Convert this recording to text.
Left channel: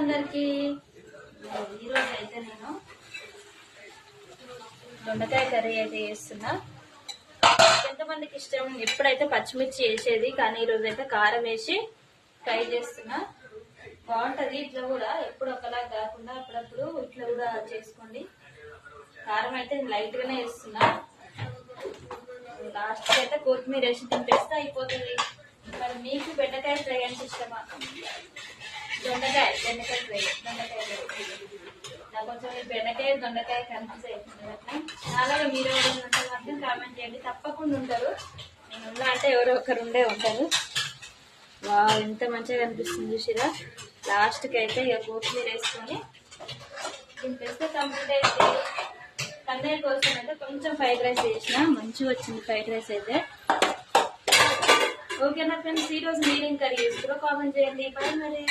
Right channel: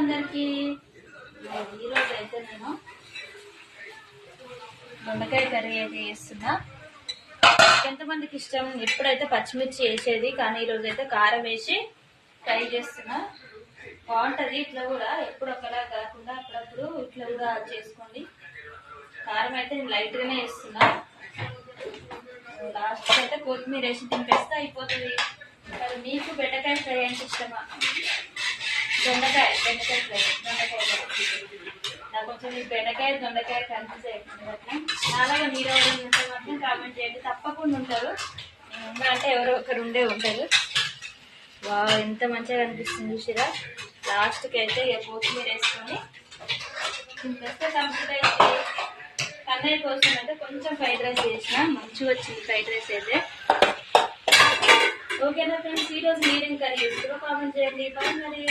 అందరికి. ఈరోజు అయితే నేను దొండకాయ కర్రీ అయితే చేస్తున్నా. ఎంతమందికి ఇష్టం ఎప్పుడైతే పచ్చిమిర్చి వేసేది, కానీ ఈరోజు అయితే కారం వేసి ఫ్రై చేస్తున్నా. బాగుంటుంది ఇట్లా కూడా, ఎప్పుడు ఒకలా కాకుండా అప్పుడప్పుడు ఇట్లా కూడా చేసుకోండి. కారం అయితే లైట్ గానే వేస్తున్నా. లాస్ట్ అయితే కొత్తిమీర వేసి తింపేస్తే అయిపోతుంది. మరి మీకు బెండకాయ ఫ్రై అంటే ఇష్టమా? బెండకాయ ఫ్రై, నాకు కొంచెం ఈ బెండకాయ దొండకాయ కన్ఫ్యూజ్ అయిపోతుంది. అలాగే మీరు ఎవరైనా ఉంటే మాత్రం కామెంట్ చేయండి, తప్పకుండా ఉంటారు. నేను ఉన్నా అంటే ఎవరో ఒకరు ఉండే ఉంటారు. వా ఎంత మంచిగా కనిపిస్తుంది చూసిరా. లాస్ట్కి అయితే ఇక కొత్తిమీర వేసుకొని తింపేస్తే కంప్లీట్ అయితే. కన్నయ్య కోసం అయితే కొంచెం ఫ్రైడ్ రైస్ చేసిన, మంచిగా వచ్చింది ఫ్రైడ్ రైస్ అయితే. ఓకేనా ఫ్రెండ్స్, ఈరోజు మీరేం కర్రీ చేస్తారో కామెంట్ చేయండి. బాయ్ మరి.